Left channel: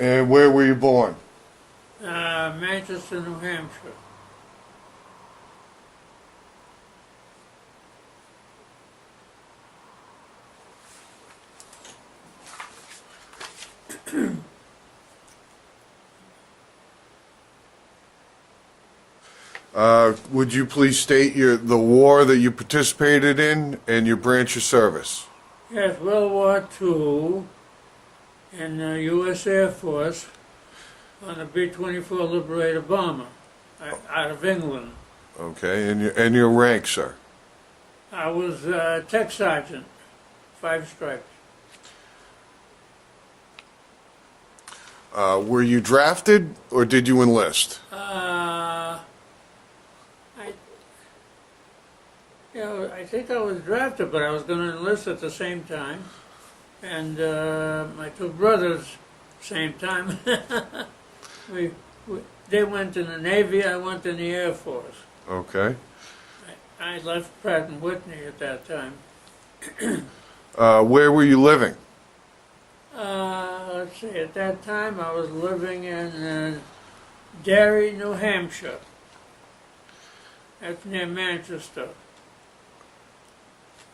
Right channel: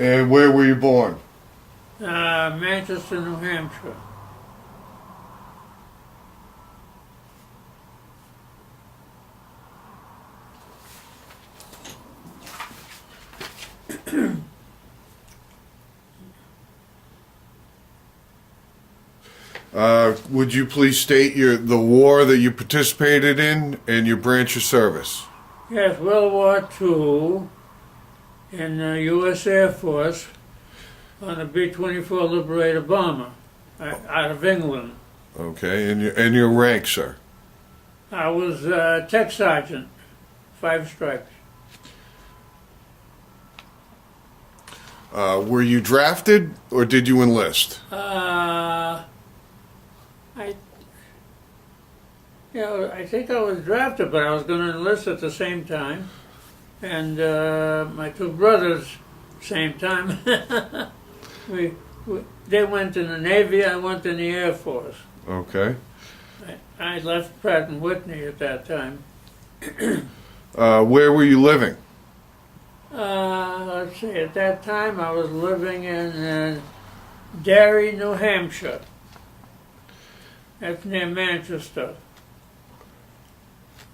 And where were you born? Manchester, New Hampshire. Would you please state the war that you participated in and your branch of service? Yes, World War II in the U.S. Air Force on a B-24 Liberator bomber out of England. Okay, and your rank, sir? I was tech sergeant, 5 stripes. Were you drafted or did you enlist? I think I was drafted, but I was going to enlist at the same time. And my 2 brothers, same time. They went in the Navy, I went in the Air Force. Okay. I left Pratt and Whitney at that time. Where were you living? Let's see, at that time I was living in Derry, New Hampshire. That's near Manchester.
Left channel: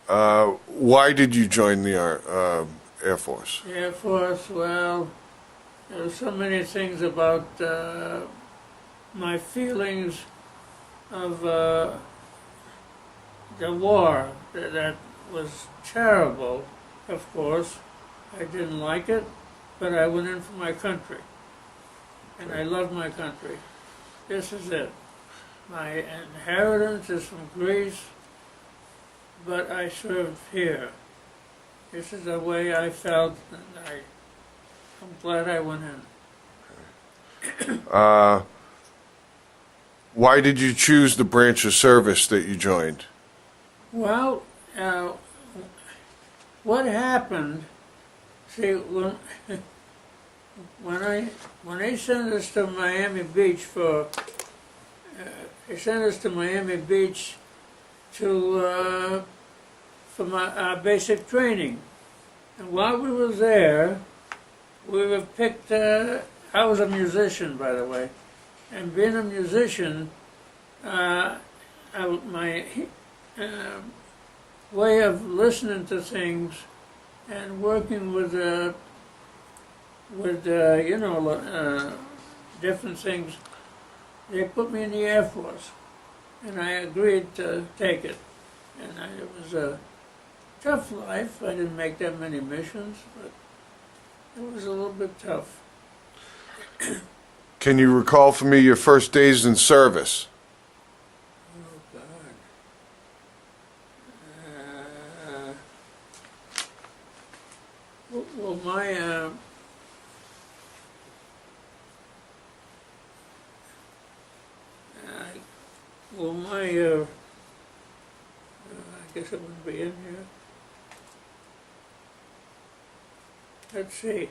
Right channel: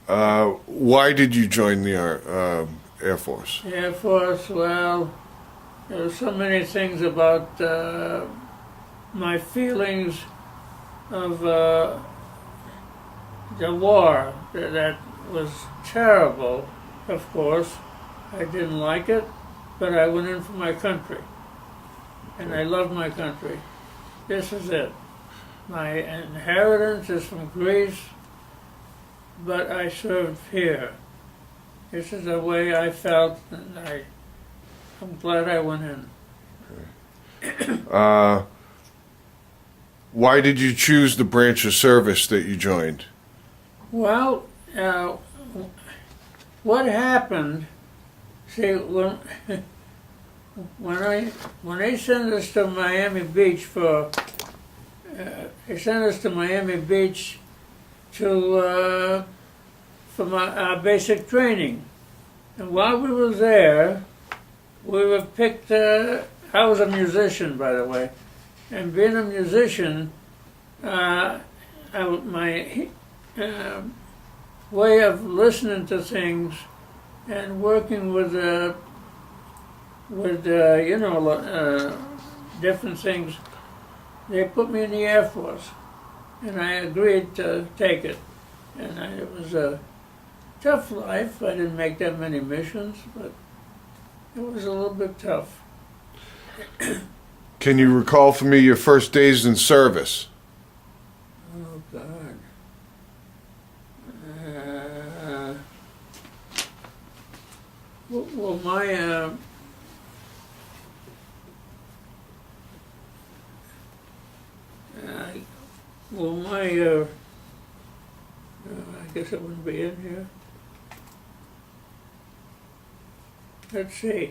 Why did you join the Air Force? Air Force, well, there were so many things about my feelings of the war that was terrible, of course. I didn't like it, but I went in for my country. And I love my country. This is it. My inheritance is from Greece, but I served here. This is the way I felt, and I'm glad I went in. Why did you choose the branch of service that you joined? Well, what happened? See, when they sent us to Miami Beach they sent us to Miami Beach for our basic training, and while we were there, we were picked. I was a musician, by the way, and being a musician, my way of listening to things and working with different things, they put me in the Air Force, and I agreed to take it. And it was a tough life. I didn't make that many missions, but it was a little bit tough. Can you recall for me your first days in service? Oh, God. Well, I guess it wouldn't be in here. Let's see.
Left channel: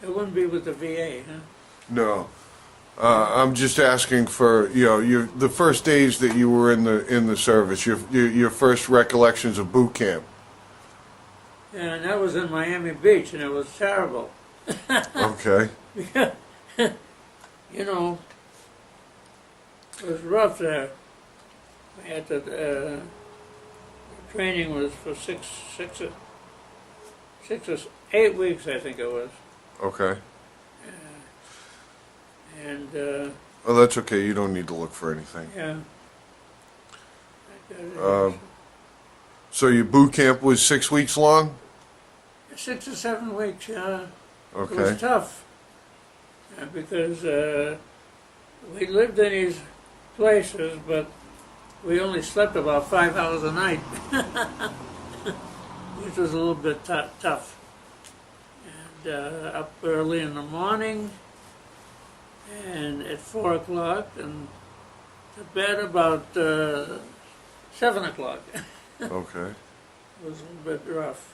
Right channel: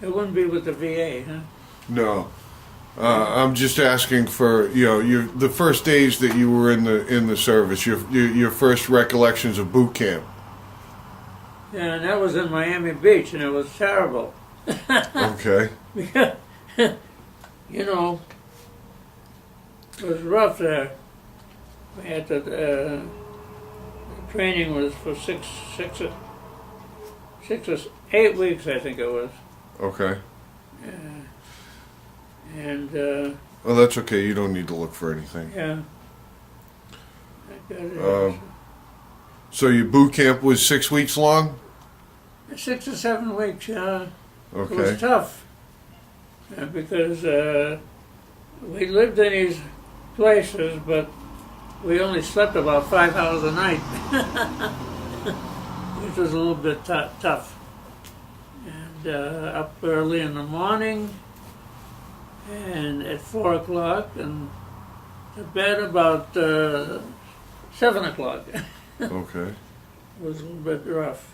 It wouldn't be with the VA, huh? No. I'm just asking for the first days that you were in the service, your first recollections of boot camp. Yeah, and that was in Miami Beach, and it was terrible. Okay. Because, it was rough there. We had to, the training was for 6 or 8 weeks, I think it was. Okay. And well, that's okay. You don't need to look for anything. yeah, I got it here. So your boot camp was 6 weeks long? 6 or 7 weeks, yeah. Okay. It was tough because we lived in these places, but we only slept about 5 hours a night, which was a little bit tough. And up early in the morning, and at 4 o'clock, and to bed about 7 o'clock. Okay. It was a little bit rough.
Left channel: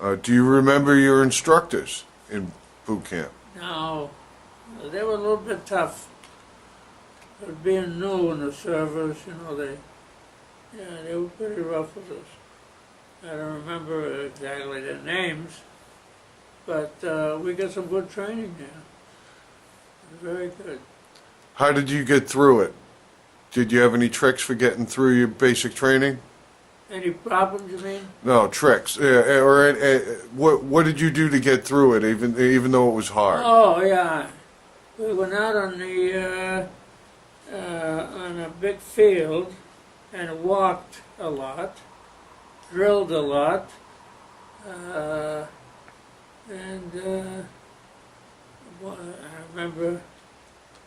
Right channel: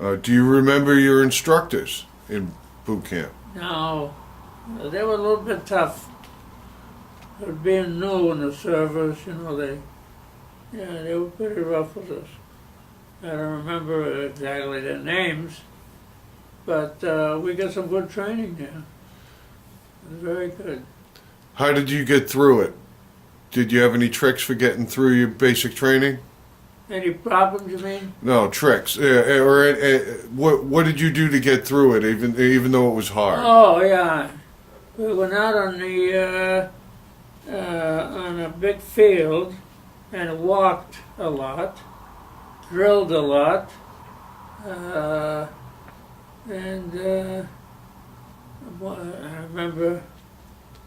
Do you remember your instructors in boot camp? No, they were a little bit tough. Being new in the service, they were pretty rough with us. I don't remember exactly their names, but we got some good training there. It was very good. How did you get through it? Did you have any tricks for getting through your basic training? Any problems, you mean? No, tricks. What did you do to get through it, even though it was hard? Oh, yeah. We went out on a big field and walked a lot, drilled a lot, and I remember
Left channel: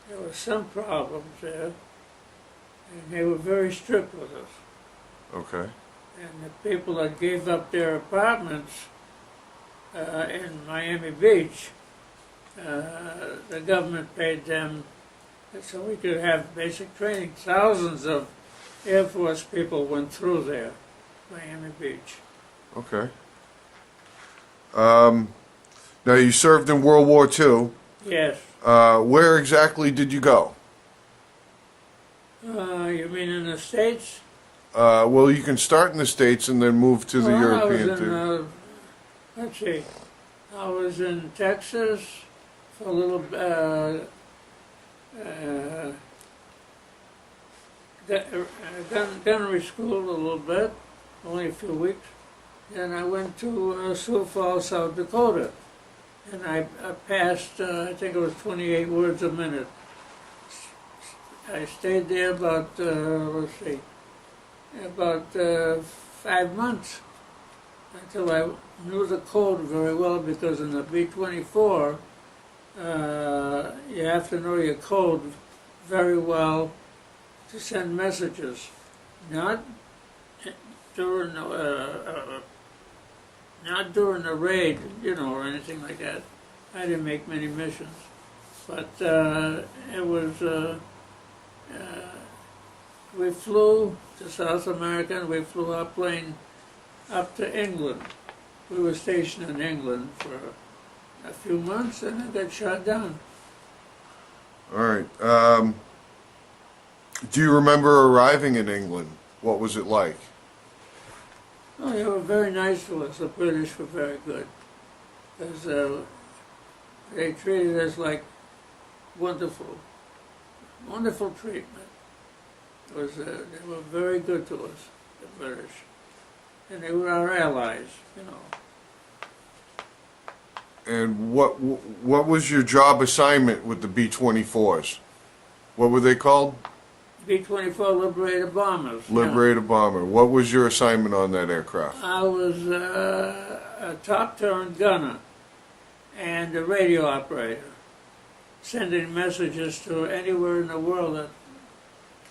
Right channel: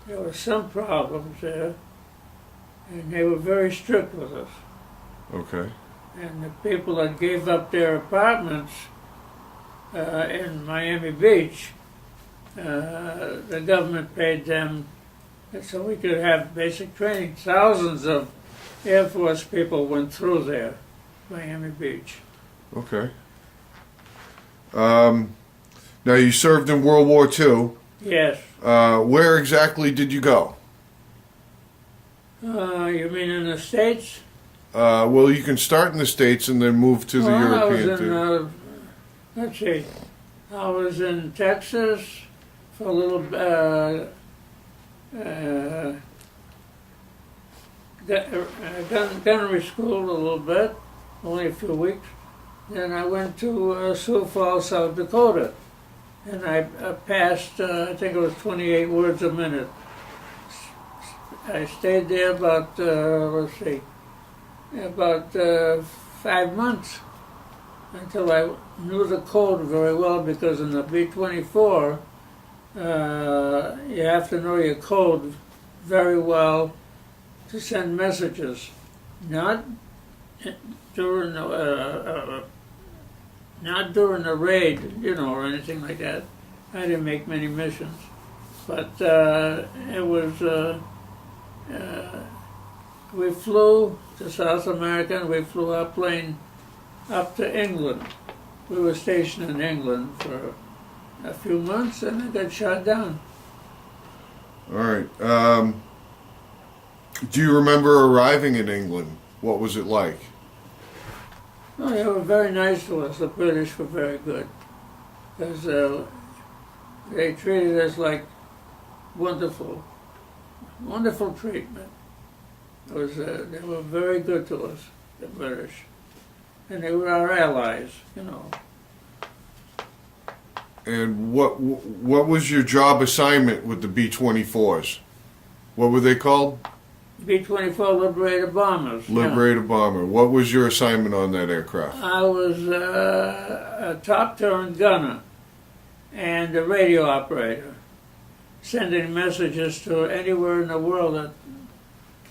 there were some problems there, and they were very strict with us. Okay. And the people that gave up their apartments in Miami Beach, the government paid them so we could have basic training. Thousands of Air Force people went through there, Miami Beach. Okay. Now you served in World War II. Yes. Where exactly did you go? You mean in the States? Well, you can start in the States and then move to the Well, I European. was in, let's see, I was in Texas for a little, gunnery school a little bit, only a few weeks. Then I went to Sioux Falls, South Dakota, and I passed, I think it was 28 words a minute. I stayed there about, let's see, about 5 months until I knew the code very well, because in the B-24, you have to know your code very well to send messages, not during the raid, or anything like that. I didn't make many missions, but it was. We flew to South America, and we flew our plane up to England. We were stationed in England for a few months, and it got shot down. All right. Do you remember arriving in England? What was it like? Oh, they were very nice to us. The British were very good, because they treated us like wonderful treatment. It was, they were very good to us, the British, and they were our allies, And what was your job assignment with the B-24s? What were they called? B-24 Liberator bombers. Liberator bomber. What was your assignment on that aircraft? I was a top turn gunner and a radio operator, sending messages to anywhere in the world that,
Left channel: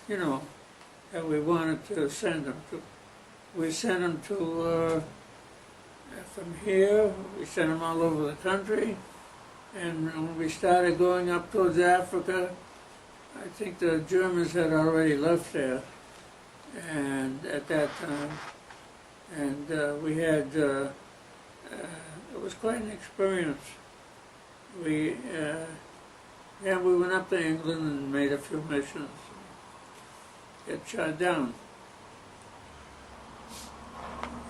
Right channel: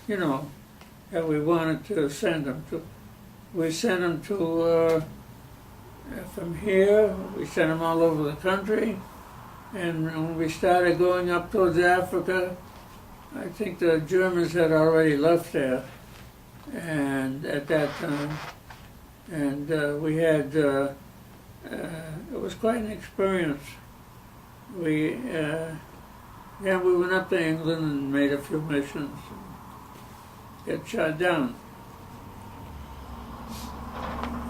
that we wanted to send them to. We sent them to, from here, we sent them all over the country, and when we started going up towards Africa, I think the Germans had already left there, and at that time, and we had, it was quite an experience. We went up to England and made a few missions, and got shot down.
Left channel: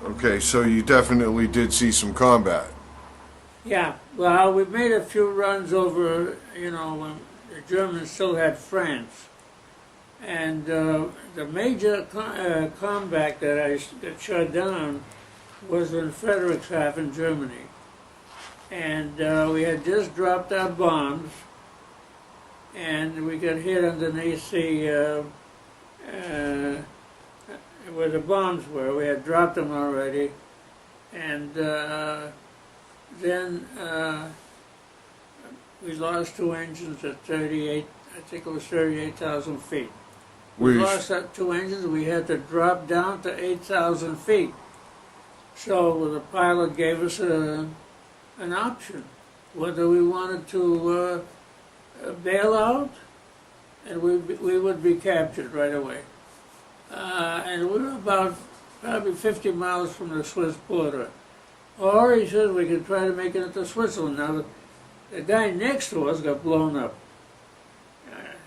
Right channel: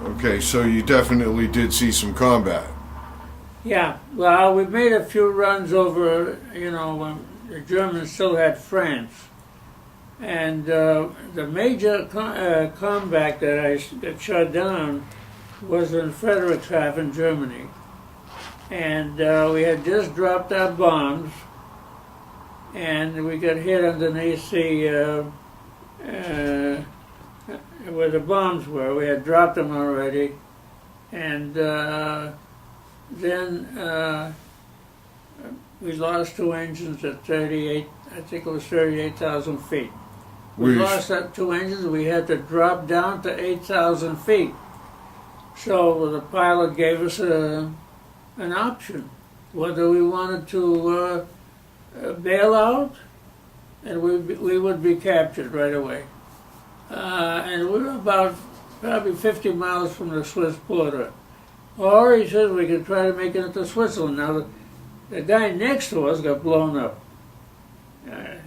Okay, so you definitely did see some combat. Yeah, well, we made a few runs over, when the Germans still had France. And the major combat that I got shot down was in Friedrichshafen, Germany. And we had just dropped our bombs, and we got hit underneath where the bombs were. We had dropped them already, and then we lost 2 engines at 38, I think it was 38,000 feet. We lost that 2 engines. We had to drop down to 8,000 feet. So the pilot gave us an option, whether we wanted to bail out, and we would be captured right away. And we were about probably 50 miles from the Swiss border. Or he said we could try to make it into Switzerland. Now, the guy next to us got blown up. The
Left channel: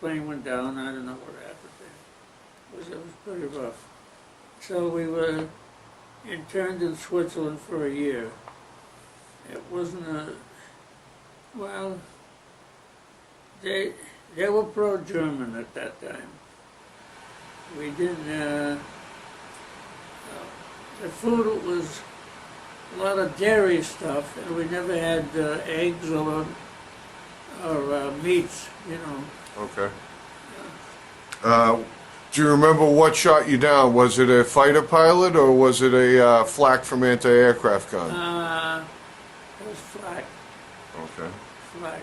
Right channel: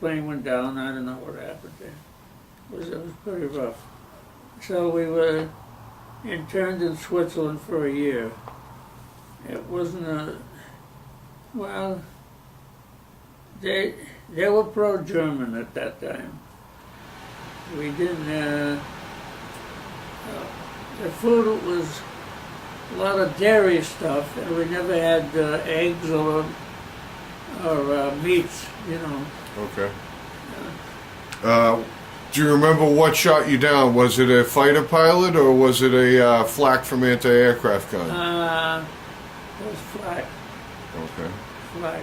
plane went down. I don't know what happened there. It was pretty rough. So we were interned in Switzerland for a year. It wasn't well, they were pro-German at that time. We didn't, the food was a lot of dairy stuff, and we never had eggs or meats, you know. Okay. Do you remember what shot you down? Was it a fighter pilot or was it a flak from anti-aircraft gun? It was flak. Okay. Flak.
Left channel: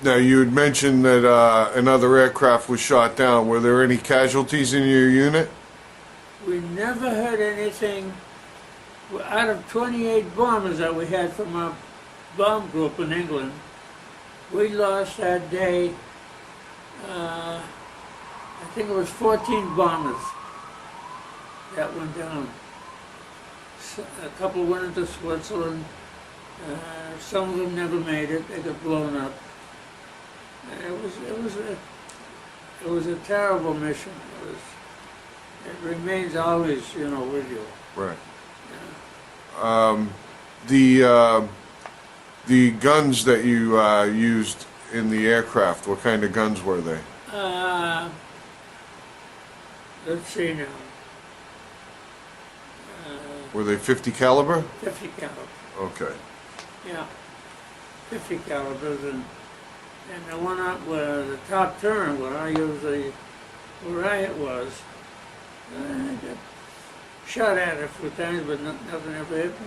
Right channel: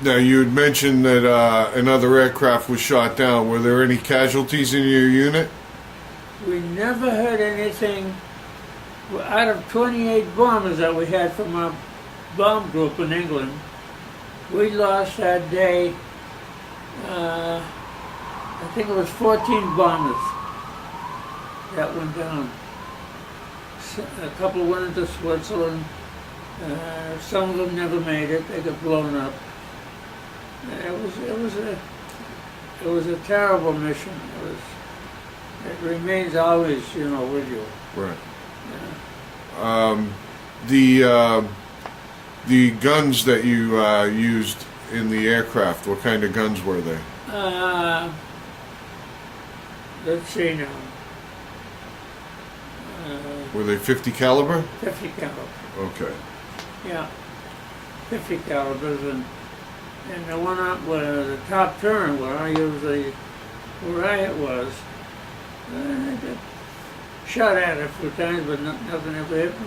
Now, you had mentioned that another aircraft was shot down. Were there any casualties in your unit? We never heard anything. Out of 28 bombers that we had from our bomb group in England, we lost that day, I think it was 14 bombers that went down. A couple went into Switzerland. Some of them never made it. They got blown up. It was a terrible mission. It remains always, you know, with you. Right. Yeah. The guns that you used in the aircraft, what kind of guns were they? Let's see now. Were they 50 caliber? 50 caliber. Okay. Yeah, 50 calibers, and the one up where the top turn where I was, I got shot at it a few times, but nothing ever hit me.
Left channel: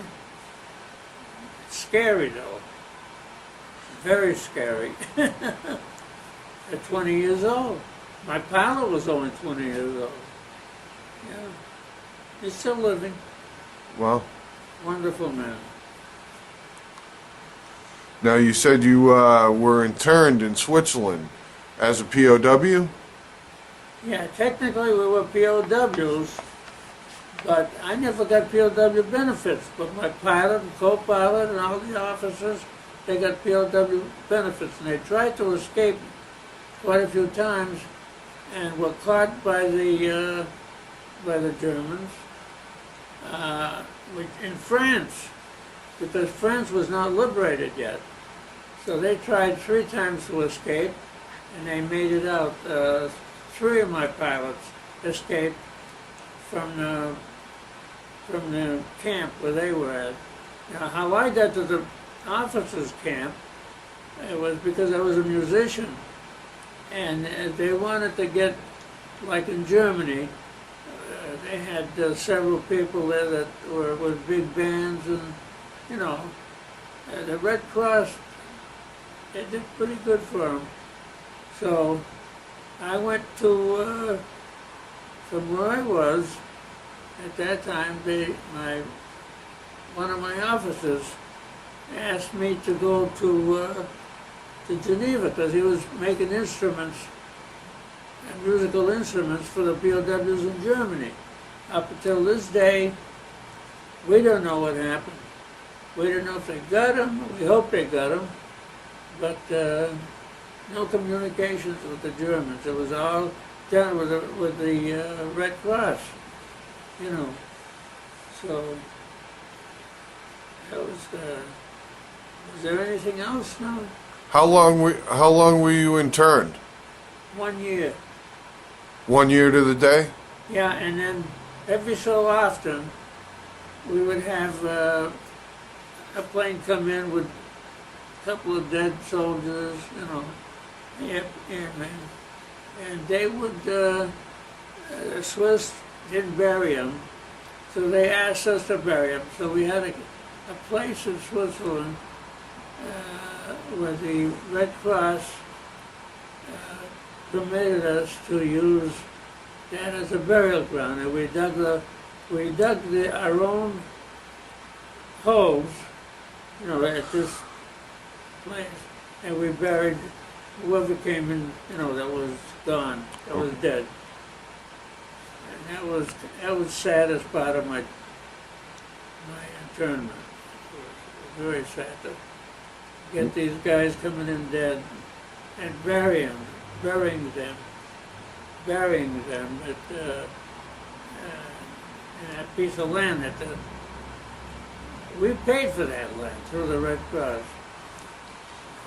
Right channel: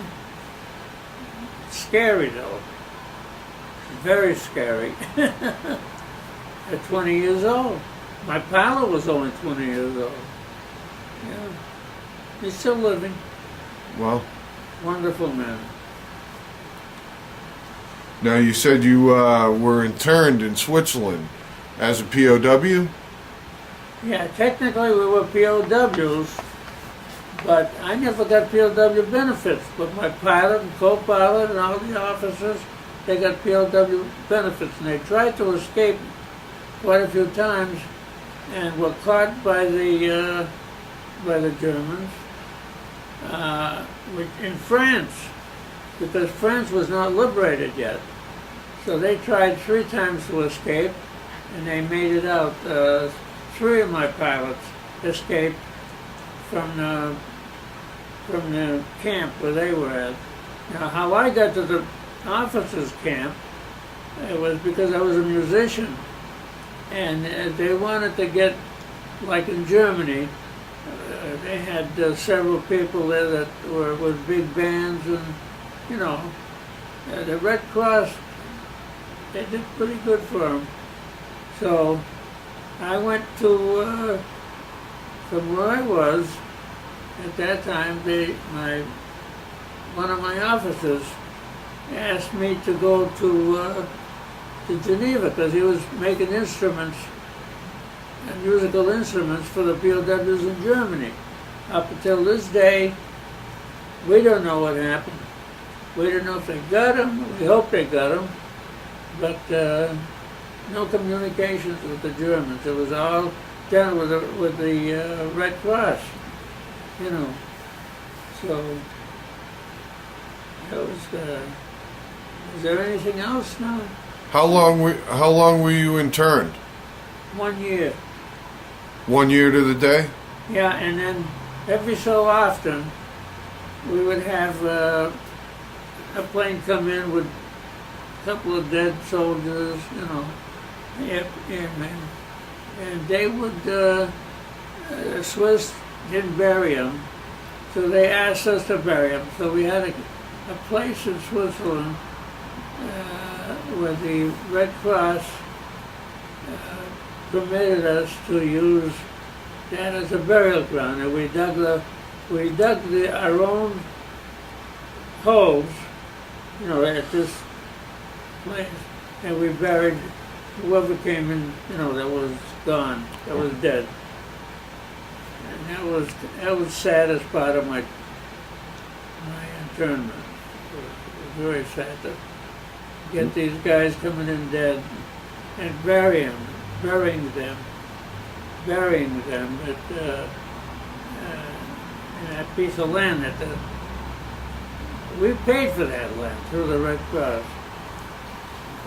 It's scary though, very scary. At 20 years old, my pilot was only 20 years old. Yeah, he's still living. Well, Wonderful man. now you said you were interned in Switzerland as a POW? Yeah, technically we were POWs, but I never got POW benefits. But my pilot and co-pilot and all the officers, they got POW benefits, and they tried to escape quite a few times, and were caught by the Germans in France, because France was not liberated yet. So they tried 3 times to escape, and they made it out. 3 of my pilots escaped from the camp where they were at. Now, how I got to the officers' camp, it was because I was a musician, and they wanted to get, like in Germany, they had several people there that were with big bands, and you know, the Red Cross, they did pretty good for them. So I went to, from where I was at that time, one of my officers asked me to go to Geneva, because he was making instruments, musical instruments for the POWs in Germany. Up until this day, we don't know what happened. We don't know if they got them. We hope they got them, but no communications with the Germans. It was all done with the Red Cross, you know. So that was. Was there anything else now? How long were you interned? 1 year. 1 year to the day? Yeah, and then every so often we would have a plane come in with a couple of dead soldiers, you know, airmen, and they would, the Swiss didn't bury them, so they asked us to bury them. So we had a place in Switzerland where the Red Cross permitted us to use that as a burial ground, and we dug our own holes, you know, at this place, and we buried whoever came in, you know, that was gone, that was dead. And that was the saddest part of my internment. It was very sad to get these guys coming in dead and burying them. But that piece of land we paid for that land through the Red Cross.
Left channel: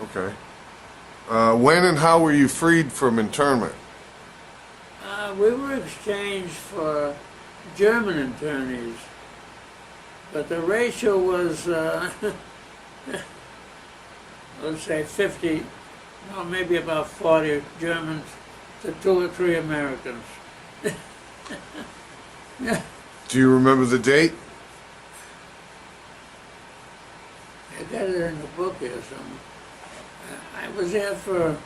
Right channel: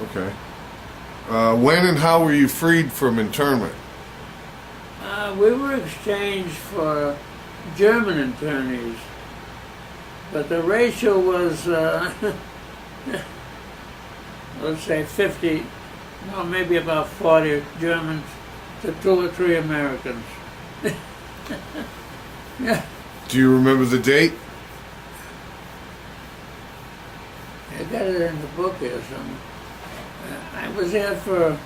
Okay. When and how were you freed from internment? We were exchanged for German internees, but the ratio was, let's say 50, no, maybe about 40 Germans to 2 or 3 Americans. Yeah. Do you remember the date? I got it in the book here somewhere. I was there for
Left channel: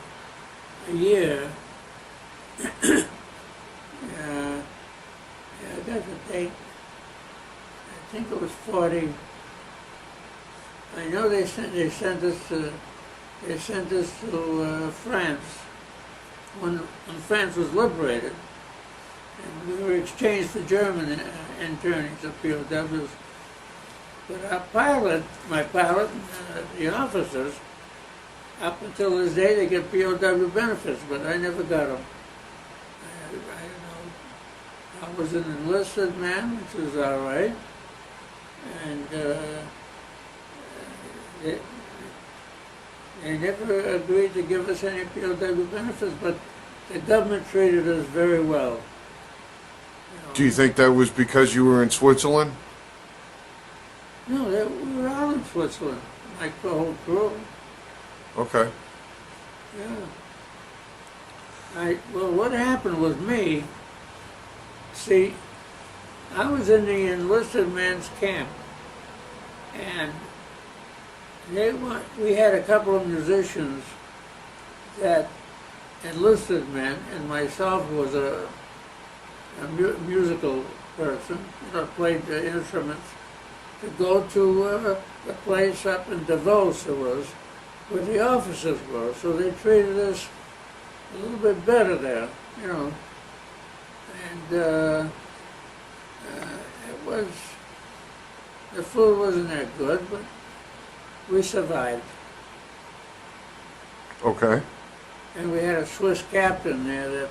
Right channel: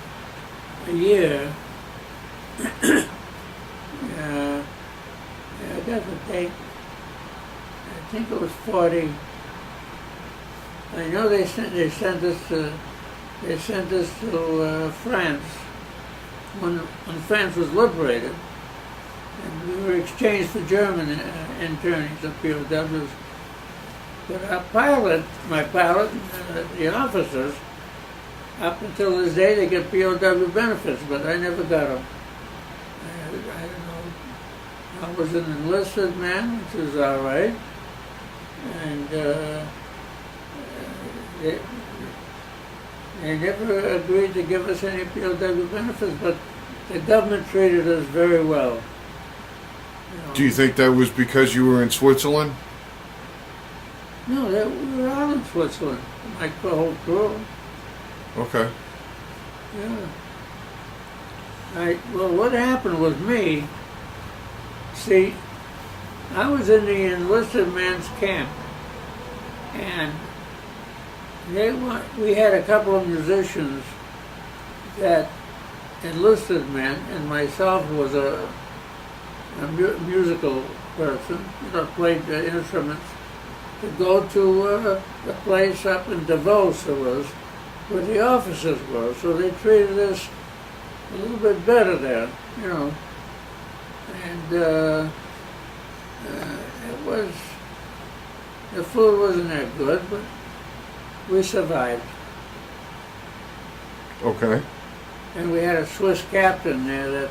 a year. I got the date. I think it was 40. I know they sent us to France when France was liberated, and we were exchanged for German internees of POWs. But our pilot, my pilot, the officers, up until this day, they get POW benefits, but I never got them. I don't know. I was an enlisted man, which was all right, and they never agreed to give us any POW benefits, but the government treated us very well. You know. Do you think that was because you were in Switzerland? No, we were all in Switzerland, like the whole crew. Okay. Yeah. Well, what happened with me, see, I was in the enlisted men's camp, and we had a couple of musicians that enlisted men, and myself was a musical person, played the instruments, to go to the place up in Davos it was, where the officers were. So they treated us a little bit better there, And the food wasn't that good, but we survived. Okay. And we had a Swiss captain there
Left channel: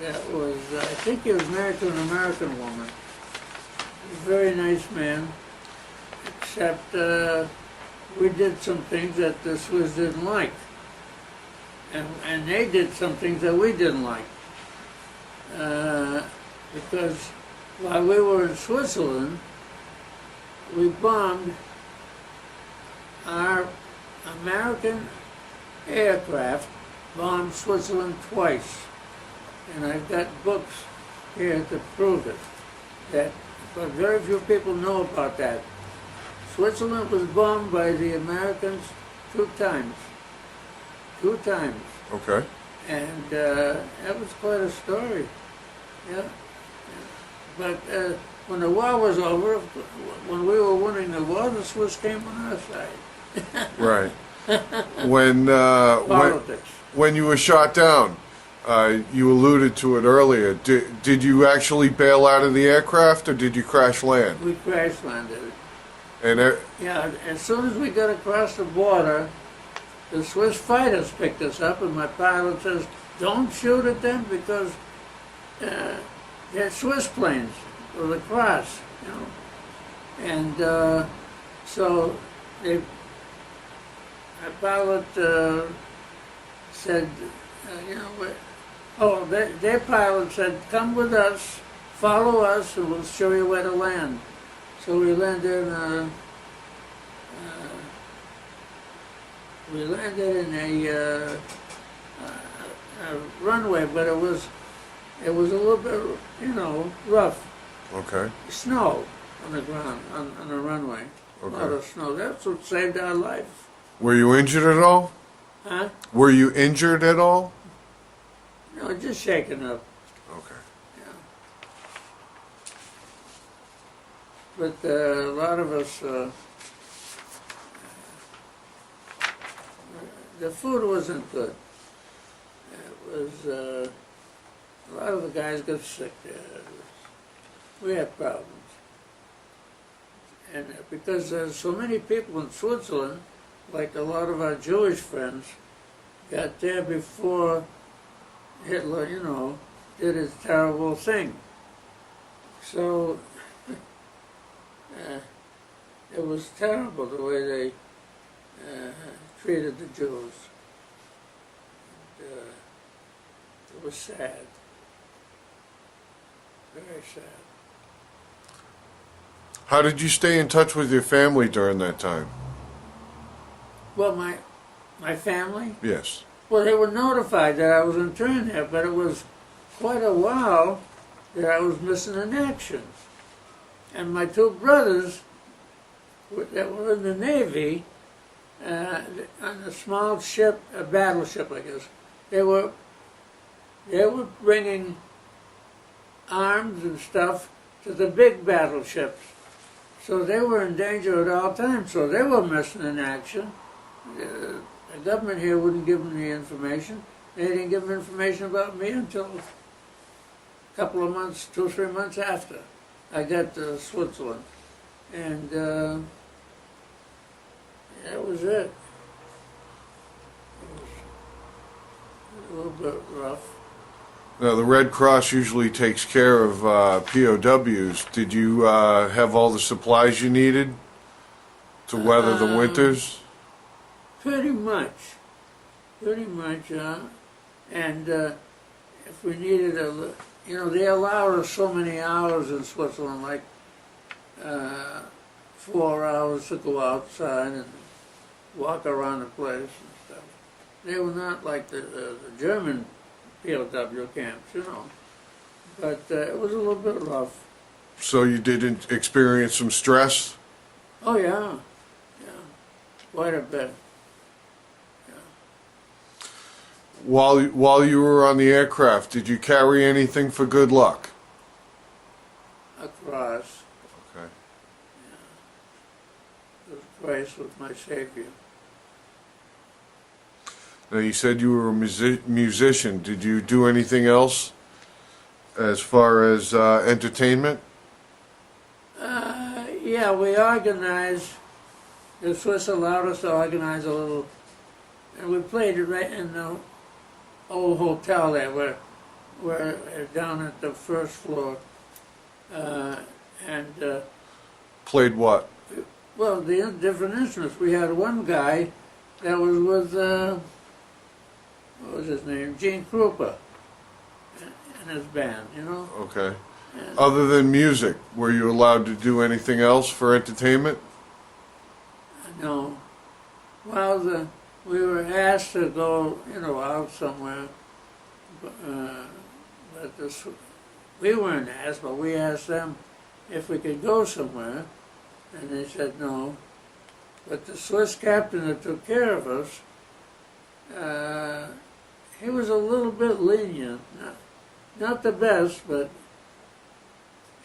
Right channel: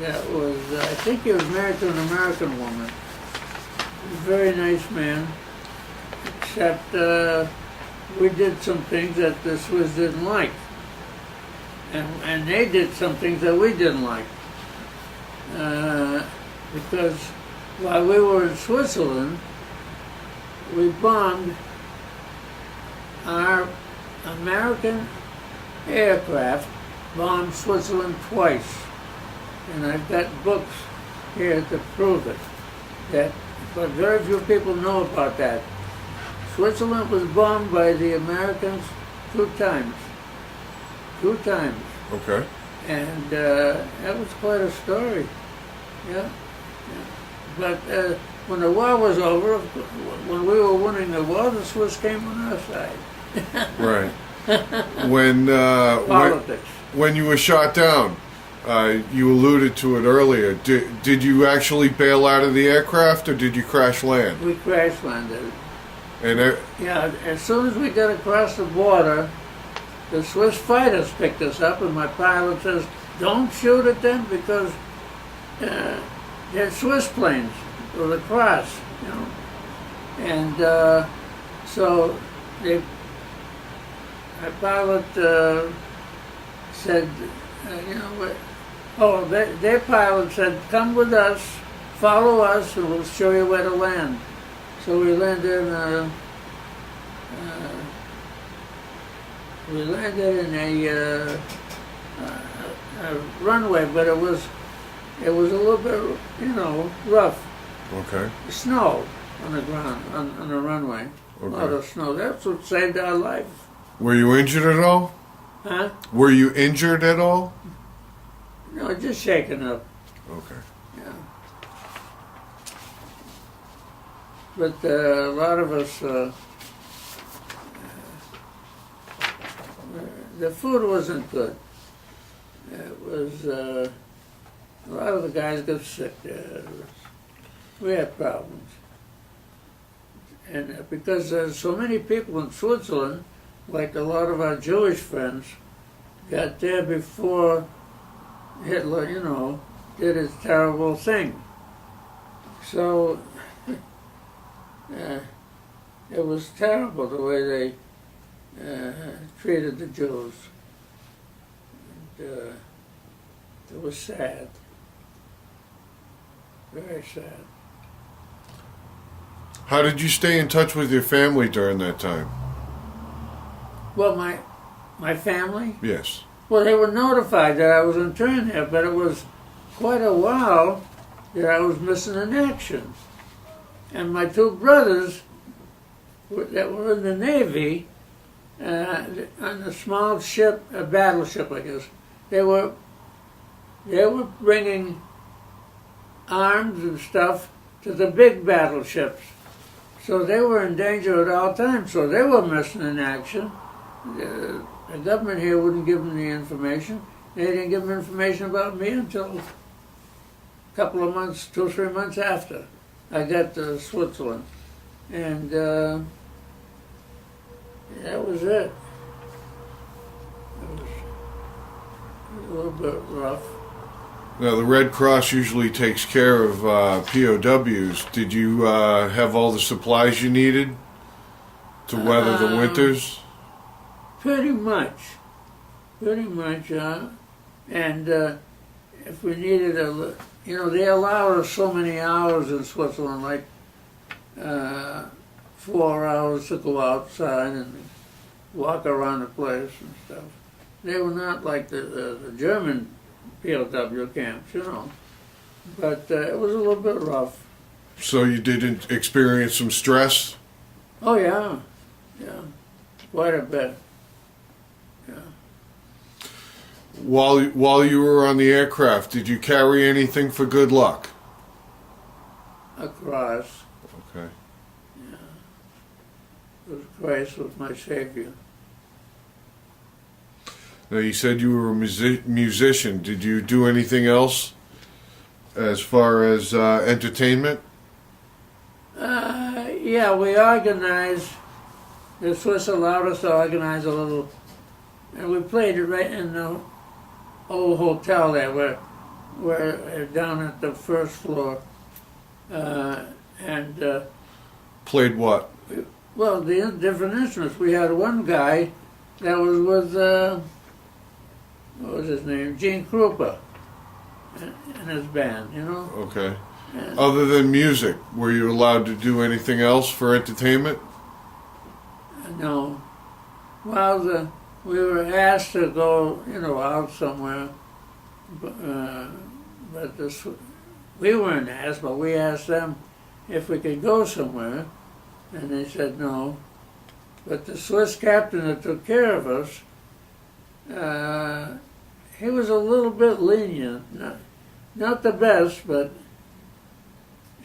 that was, I think he was married to an American woman. He was a very nice man, except we did some things that the Swiss didn't like. And they did some things that we didn't like. Because while we were in Switzerland, we bombed our American aircraft, bombed Switzerland twice. And I've got books here to prove it. But very few people know about that. Switzerland was bombed by the Americans 2 times. 2 times. Okay. And that was quite a story. Yeah. But when the war was over, when we were winning the war, the Swiss came on our side. Right. When Politics. when you were shot down, you alluded to it earlier. Did you actually bail out of the aircraft, or did you crash land? We crash landed. And Yeah, as soon as we got across the border, the Swiss fighters picked us up, and my pilot says, "Don't shoot at them because they're Swiss planes with a cross, And so my pilot said, their pilot said, "Come with us, follow us, and we'll show you where to land." So we landed in a runway, but it was a little bit, rough. okay. Snow on the ground, on the runway. Okay. A lot of snow. That's what saved our lives. Were you injured at all? Huh? Were you injured at all? No, just shaken up. Okay. Yeah. But a lot of us, the food wasn't good. It was, a lot of the guys got sick there. We had problems. And because there's so many people in Switzerland, like a lot of our Jewish friends, got there before Hitler, did his terrible thing. So it was terrible the way they treated the Jews. And, it was sad, very sad. How did you stay in touch with your family during that time? Well, my family, Yes. well, they were notified that I was interned there, but it was quite a while that I was missing in action. And my two brothers that were in the Navy, on a small ship, a battleship, I guess, they were bringing arms and stuff to the big battleships. So they were in danger at all times, so they were missing in action. The government here wouldn't give them the information. They didn't give them information about me until a couple of months, 2 or 3 months after I got to Switzerland. And that was it. It was a little bit rough. Now, the Red Cross usually takes care of POWs. Did you have all the supplies you needed to weather the winters? Pretty much. And if we needed they allow us so many hours in Switzerland, like 4 hours to go outside and walk around the place and stuff. They were not like the German POW camps, but it was a little bit rough. So you didn't experience some stress? Oh yeah, quite a bit. While you were on the aircraft, did you carry anything for good luck? A cross. Okay. It was Christ was my Savior. Now, you said you were a musician. Did you do anything else as far as entertainment? Yeah, we organized. The Swiss allowed us to organize a little, and we played it right in the old hotel there, where down at the first floor, and Played what? well, the different instruments. We had one guy that was with what was his name, Gene Krupa, and his band, Okay. And, Other than music, were you allowed to do anything else for entertainment? no. Well, we were asked to go, out somewhere, but we weren't asked, but we asked them if we could go somewhere, and they said no. But the Swiss captain that took care of us, he was a little bit lenient, not the best, but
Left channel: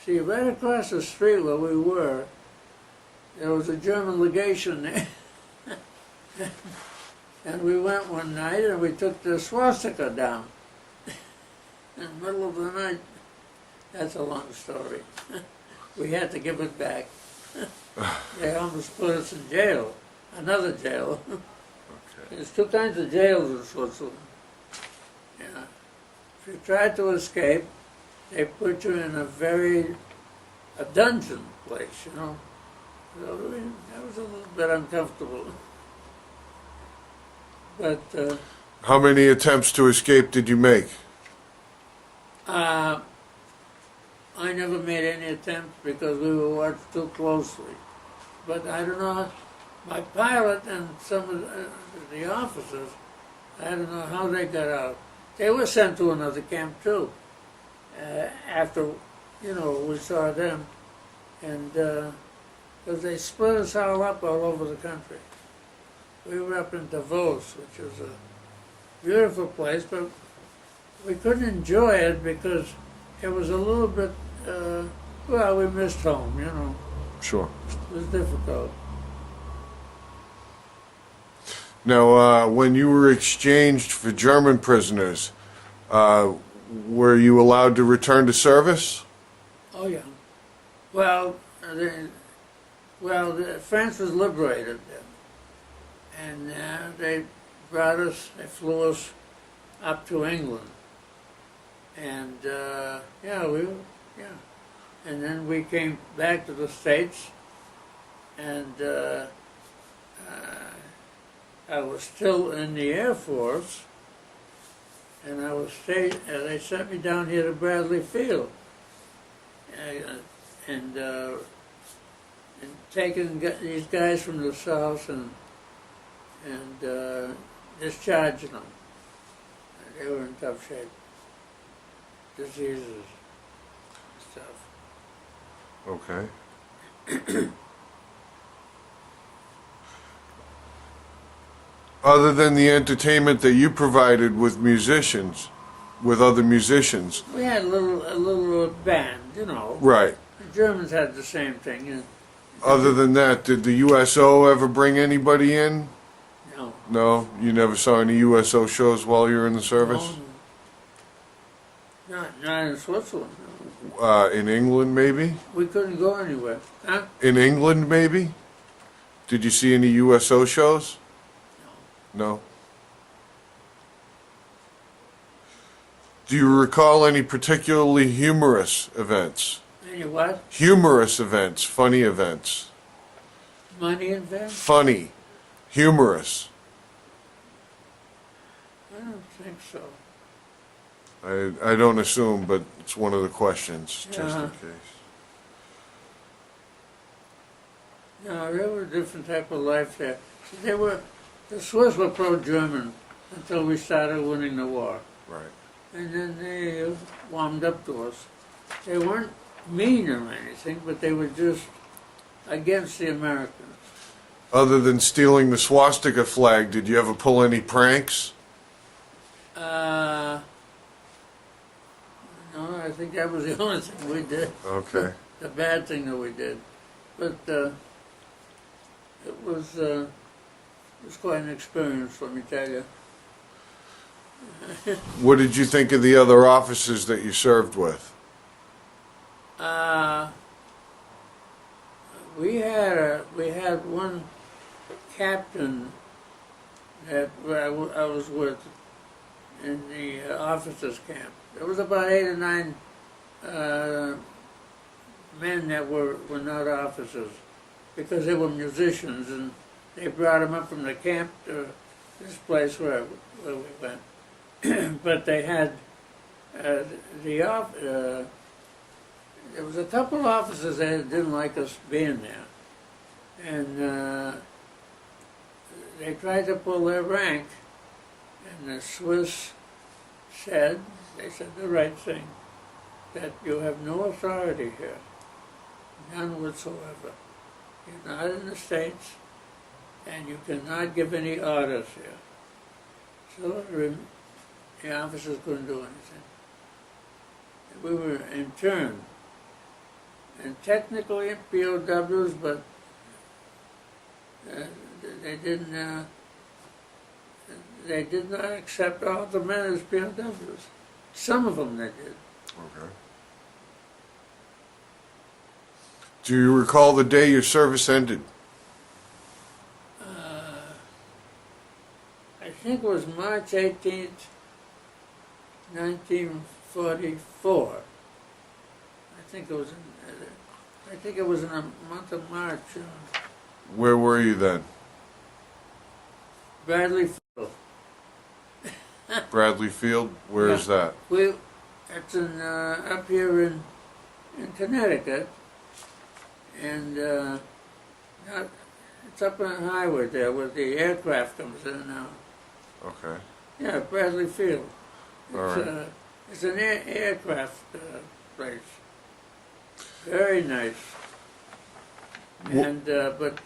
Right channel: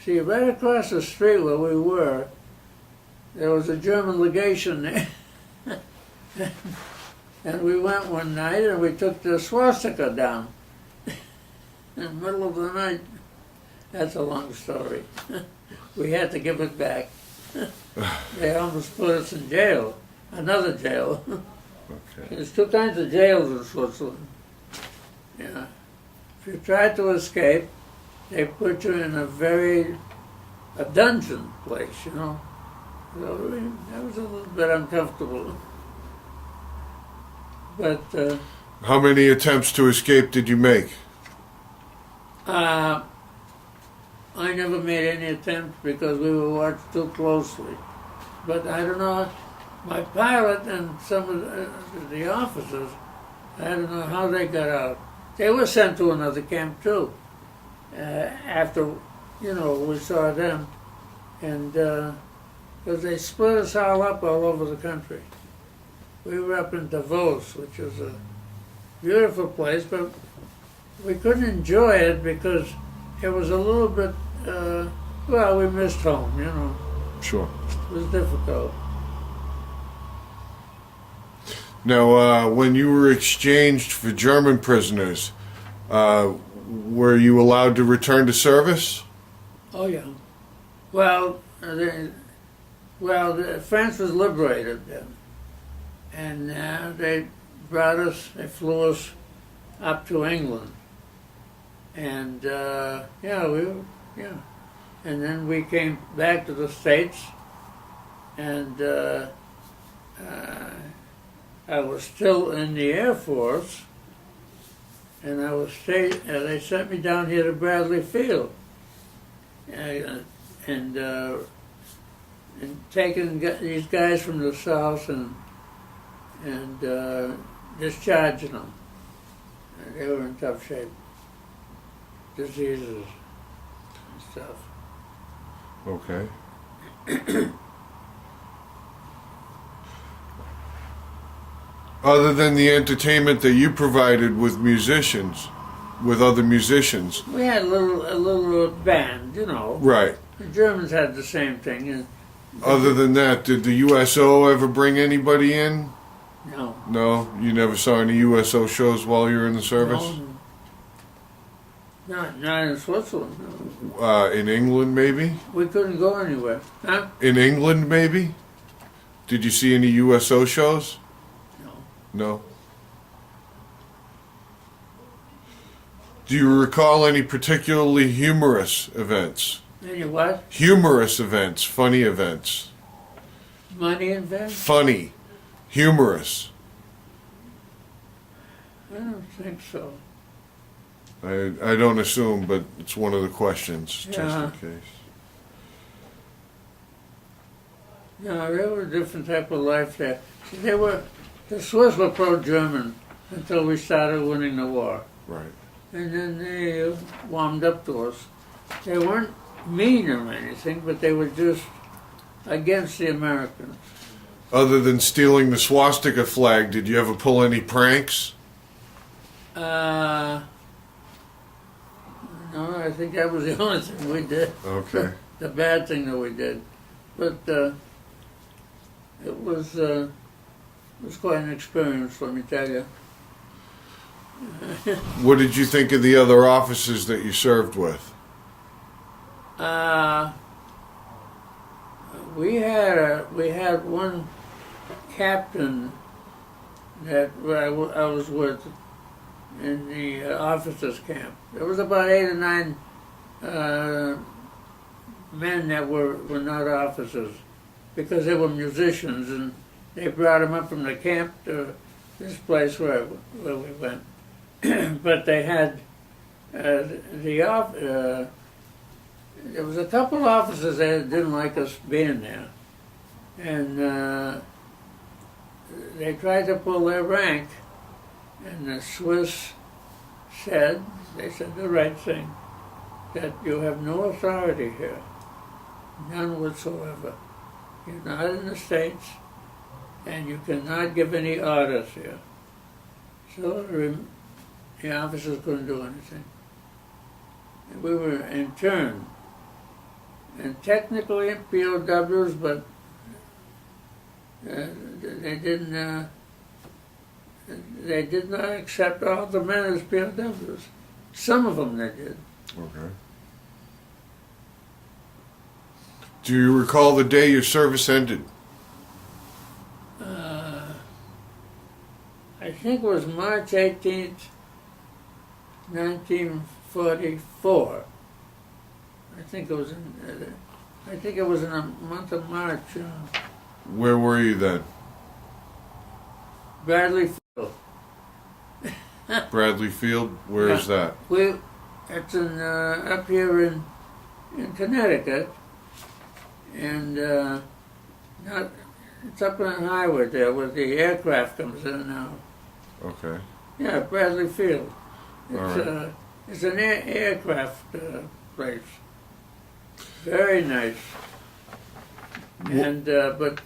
see, right across the street where we were, there was a German legation there. And we went one night and we took the swastika down in the middle of the night. That's a long story. We had to give it back. They almost put us in jail, another jail. Okay. There's 2 kinds of jails in Switzerland. Yeah. If you try to escape, they put you in a dungeon place, So that was a little bit uncomfortable. But How many attempts to escape did you make? I never made any attempts because we were watched too closely. But I don't know, my pilot and some of the officers, I don't know how they got out. They were sent to another camp too, after, we saw them. And because they split us all up all over the country. We were up in Davos, which was a beautiful place, but we couldn't enjoy it because it was a little bit, we missed home, Sure. It was difficult. Now, when you were exchanged for German prisoners, were you allowed to return to service? Oh, yeah. Well, France was liberated then. And they flew us up to England. And, And then we came back to the States, and I was still in the Air Force, and they sent me down here to Bradley Field, and taking these guys from the South and discharging them. They were in tough shape, diseases and stuff. Okay. Other than the entertainment that you provided with musicians, with other musicians. We had a little band, you know. Right. The Germans had the same thing. Other than that, did the USO ever bring anybody in? No. No? You never saw any USO shows while you were in the service? No. Not in Switzerland. No. In England, maybe? We couldn't go anywhere. Huh? In England, maybe? Did you see any USO shows? No. No? Do you recall any particularly humorous events? Any what? Humorous events, funny events. Money events? Funny, humorous. I don't think so. I don't assume, but it's one of the questions, just Yeah. in case. No, they were a different type of life there. See, the Swiss were pro-German until we started winning the war. Right. And then they warmed up to us. They weren't mean or anything, but they were just against the Americans. Other than stealing the swastika flag, did you ever pull any pranks? No, I think that was the only thing we did. Okay. The bad thing that we did. But it was quite an experience, let me tell you. What did you think of the other officers that you served with? We had one captain that I was with in the officers' camp. There was about 8 or 9 men that were not officers because they were musicians, and they brought them up from the camp to this place where we went. But they had there was a couple of officers that didn't like us being there, and they tried to pull their rank, and the Swiss said the right thing, that you have no authority here, none whatsoever. You're not in the States, and you cannot give any orders here. So the officers couldn't do anything. And we were interned, and technically POWs, but they did not accept all the men as POWs. Some of them they did. Okay. Do you recall the day your service ended? I think it was March 18th, 1944. I think it was in the month of March. Where were you then? Bradley Field. Bradley Field? Where is that? It's up here in Connecticut, and it's up on the highway there where the aircraft comes in and out. Okay. Yeah, Bradley Field. It's Right. It's an aircraft place. Very nice. And but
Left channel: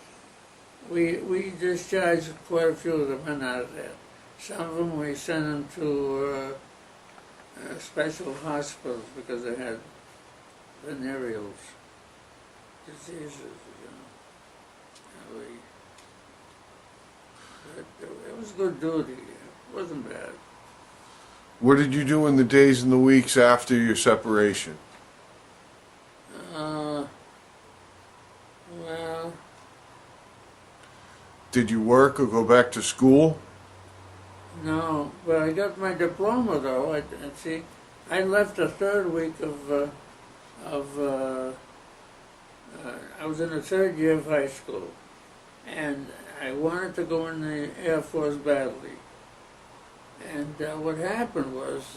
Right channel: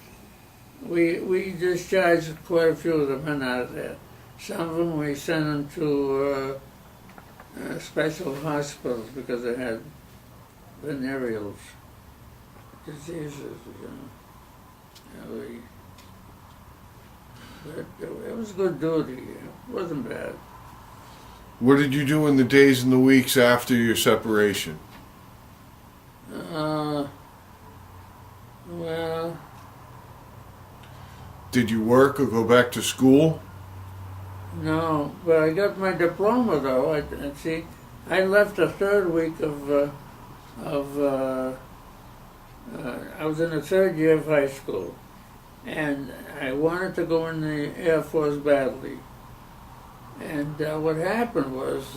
we discharged quite a few of the men out of there. Some of them we sent them to special hospitals because they had venereal diseases, you know. But it was good duty. It wasn't bad. What did you do in the days and the weeks after your separation? Well, Did you work or go back to school? no, but I got my diploma though. I left the third week of of, I was in the third year of high school, and I wanted to go in the Air Force badly. And what happened was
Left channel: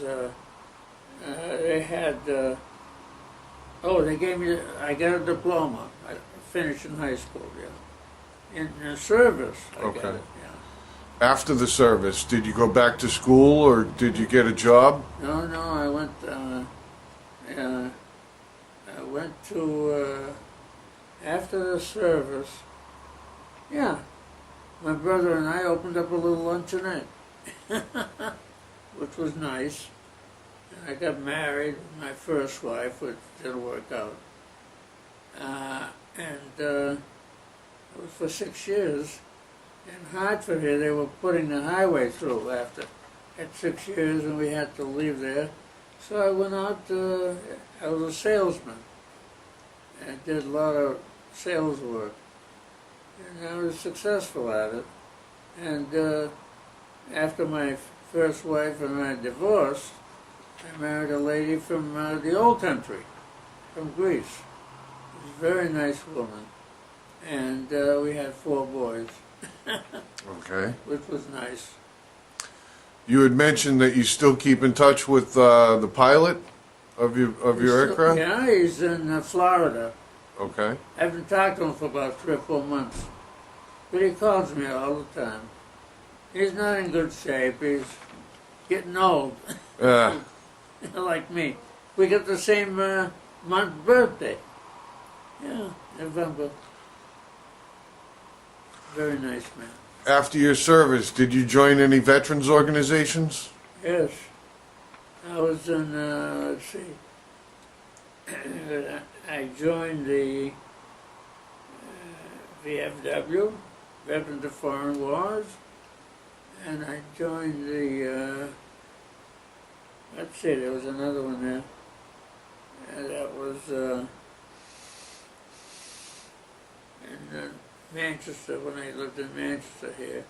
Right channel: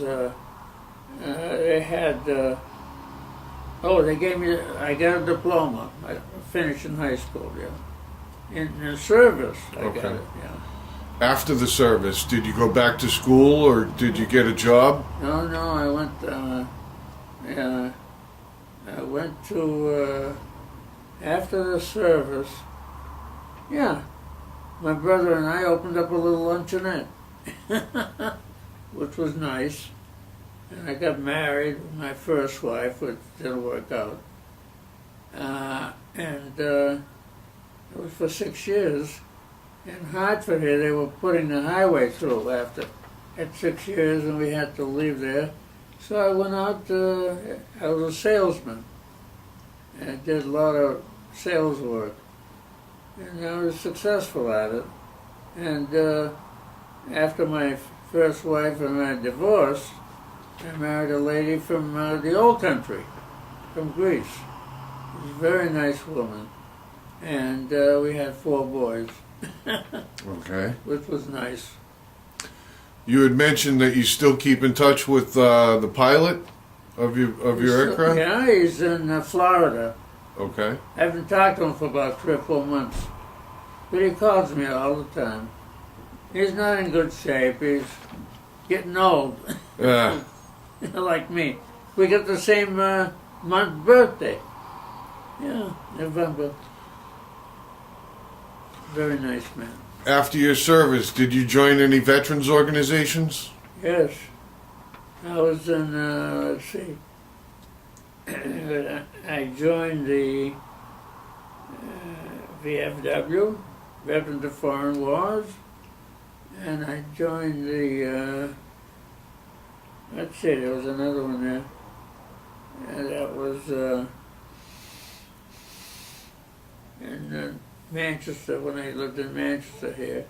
they had, they gave me, I got a diploma. I finished in high school, yeah. In the service, I got Okay. it, yeah. After the service, did you go back to school or did you get a job? No, I went to, after the service, yeah, my brother and I opened up a little luncheonette, which was nice. And I got married with my first wife, which didn't work out. It was for 6 years. In Hartford here, they were putting the highway through at 6 years, and we had to leave there. So I went out, I was a salesman. I did a lot of sales work. And I was successful at it. And after my first wife and I divorced, I married a lady from the old country, from Greece. She was a very nice woman. And we had 4 boys. Okay. Which was nice. You had mentioned that you still keep in touch with the pilot of your aircraft? Yeah, he's in Florida. Okay. I haven't talked to him for about 3 or 4 months. But he calls me all the time. He's not in good shape. He's getting old. Yeah. Like me. We got the same month birthday. Yeah, November. Very nice man. After your service, did you join any veterans organizations? Yes. I was in, let's see. I joined the VFW, Veterans of Foreign Wars, and I joined the, let's see, there was another one there. And that was in Manchester, when I lived in Manchester here.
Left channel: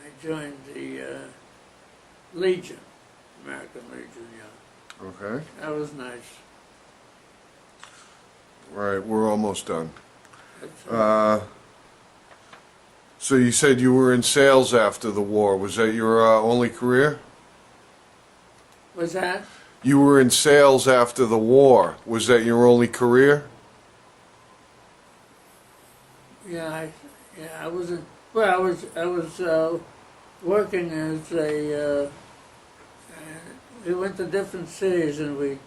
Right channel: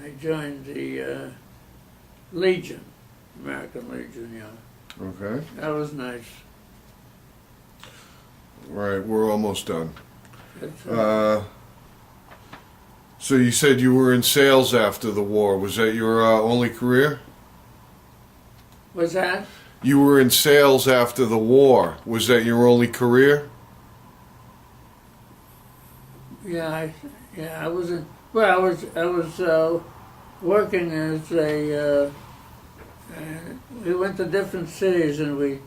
I joined the Legion, American Legion, yeah. Okay. That was nice. Right, we're almost done. That's, So you said you were in sales after the war. Was that your only career? what's that? You were in sales after the war. Was that your only career? Yeah, I wasn't. Well, I was working as a. We went to different cities, and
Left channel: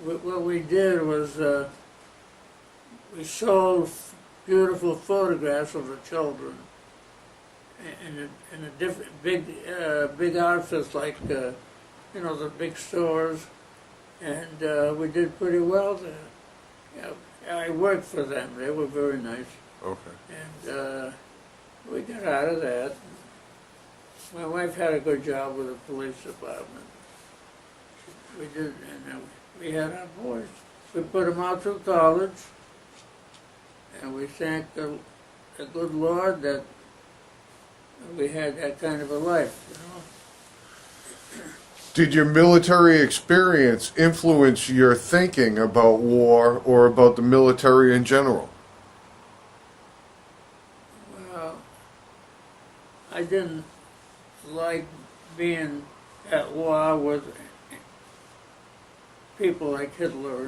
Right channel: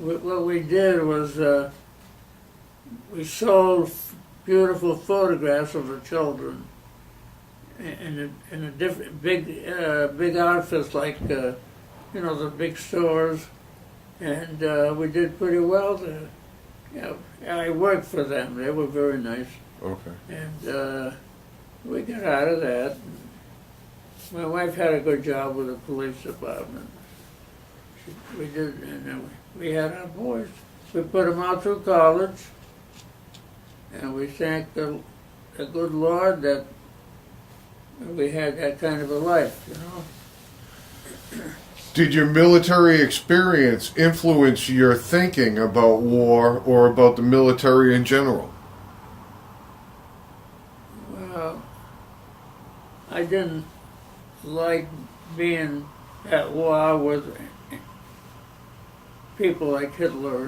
what we did was we sold beautiful photographs of the children in a different big outfits like the big stores, and we did pretty well there. Yeah, I worked for them. They were very nice. Okay. And we got out of that. My wife had a good job with the police department. We did, and we had our boys. We put them out through college, and we thank the good Lord that we had that kind of a life, Did your military experience influence your thinking about war or about the military in general? Well, I didn't like being at war with people like Hitler,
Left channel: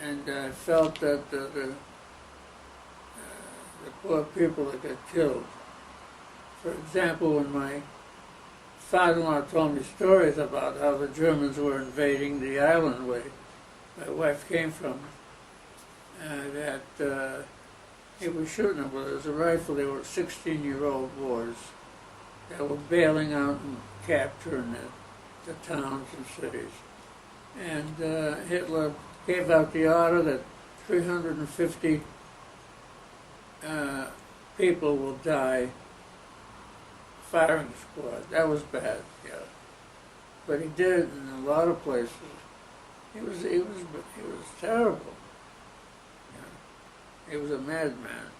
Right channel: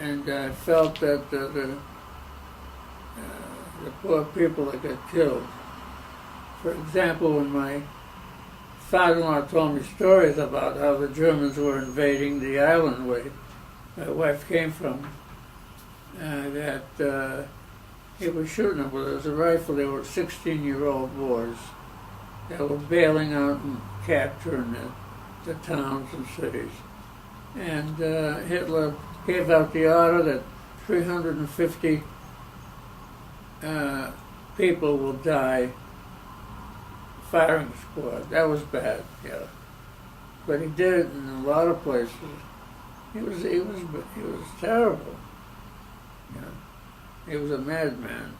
and I felt that the poor people that got killed. For example, when my father-in-law told me stories about how the Germans were invading the island where my wife came from, that he was shooting them with a rifle. They were 16-year-old boys that were bailing out and capturing the towns and cities. And Hitler gave out the order that 350 people will die. Firing squad. That was bad, yeah. But he did it in a lot of places. He was terrible. Yeah. He was a madman.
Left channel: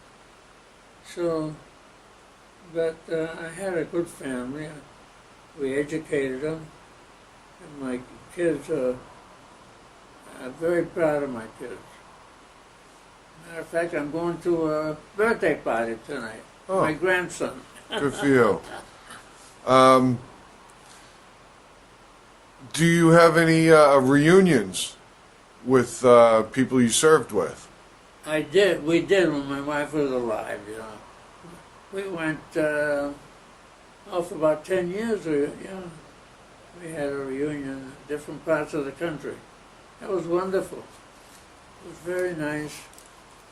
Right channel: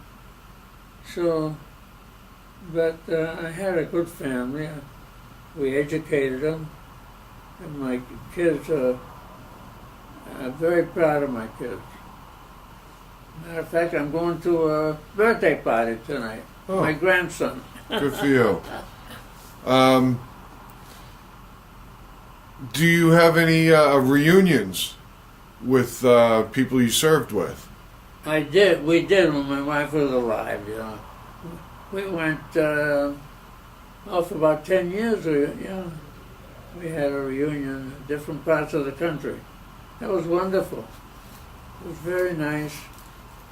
So, but I had a good family. We educated them, And my kids are very proud of my kids. Matter of fact, I'm going to a birthday party tonight. Oh. My grandson. Good for you. Do you have any reunions with people you served with? I did. We did when my wife was alive. You know, we went for about 10 years. We had a reunion in different parts of the country. That was wonderful. It was very nice,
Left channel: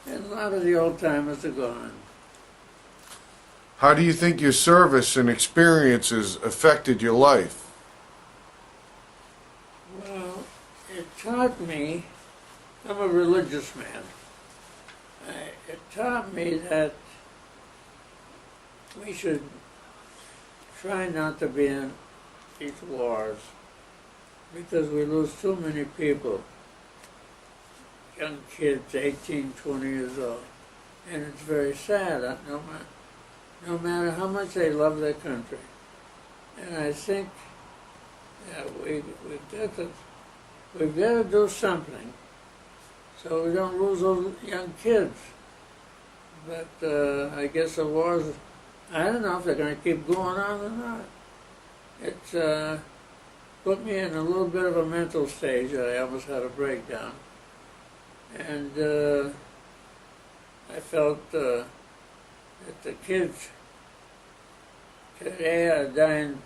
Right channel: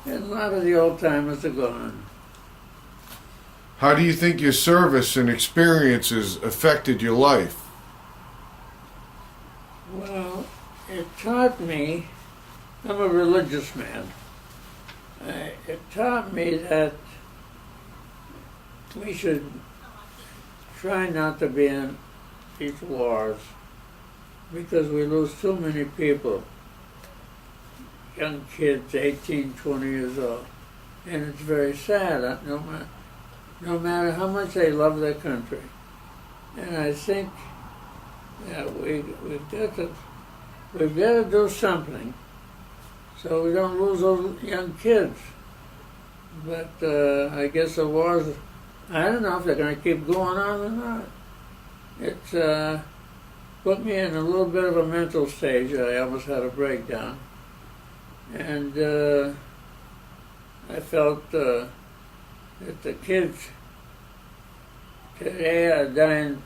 and a lot of the old timers are gone. How do you think your service and experiences affected your life? Well, it taught me. I'm a religious man. It taught me that we should try not to be in these wars because we lose too many people, young kids, 18, 20 years old. And it's very sad, no matter how much they love their country. And I think that we've got to do something so we don't lose those young kids. But I guess the wars, I don't know if they're going to keep going on or not. It's put me in a little bit of a mental stage. I almost had a breakdown. And I felt that the kids today are dying.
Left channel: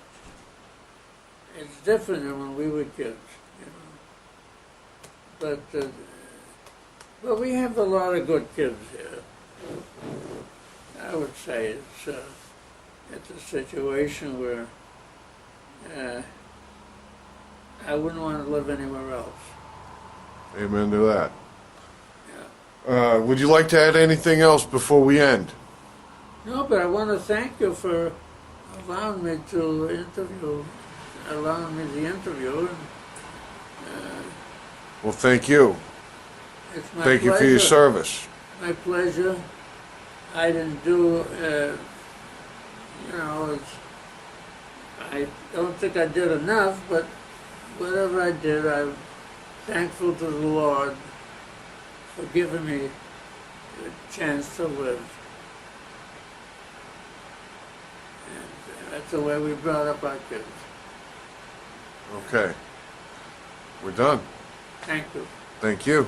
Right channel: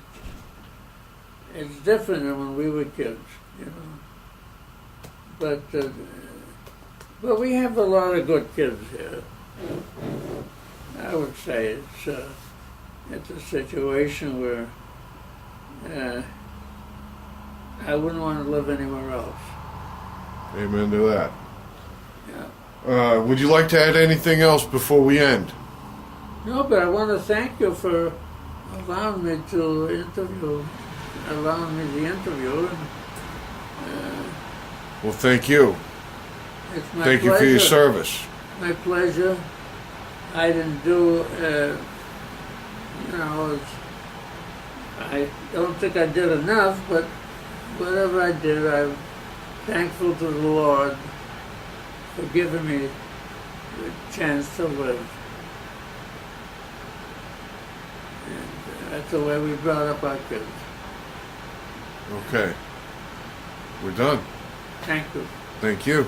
It's different than when we were kids, you know. But we have a lot of good kids here. I would say it's a situation where I wouldn't want to live anywhere else. Amen to that. Yeah. Would you like to add anything else before we end? No, but I want to thank you for allowing me the interview. And, Well, thank you. it's my Thank pleasure. you for your service. My pleasure. I didn't do, I don't think I did enough, but whatever I did, I'm thankful to the Lord for giving me the chance to live. And that's the way we brought up our kids. Okay. We're done. Thank you. Thank you.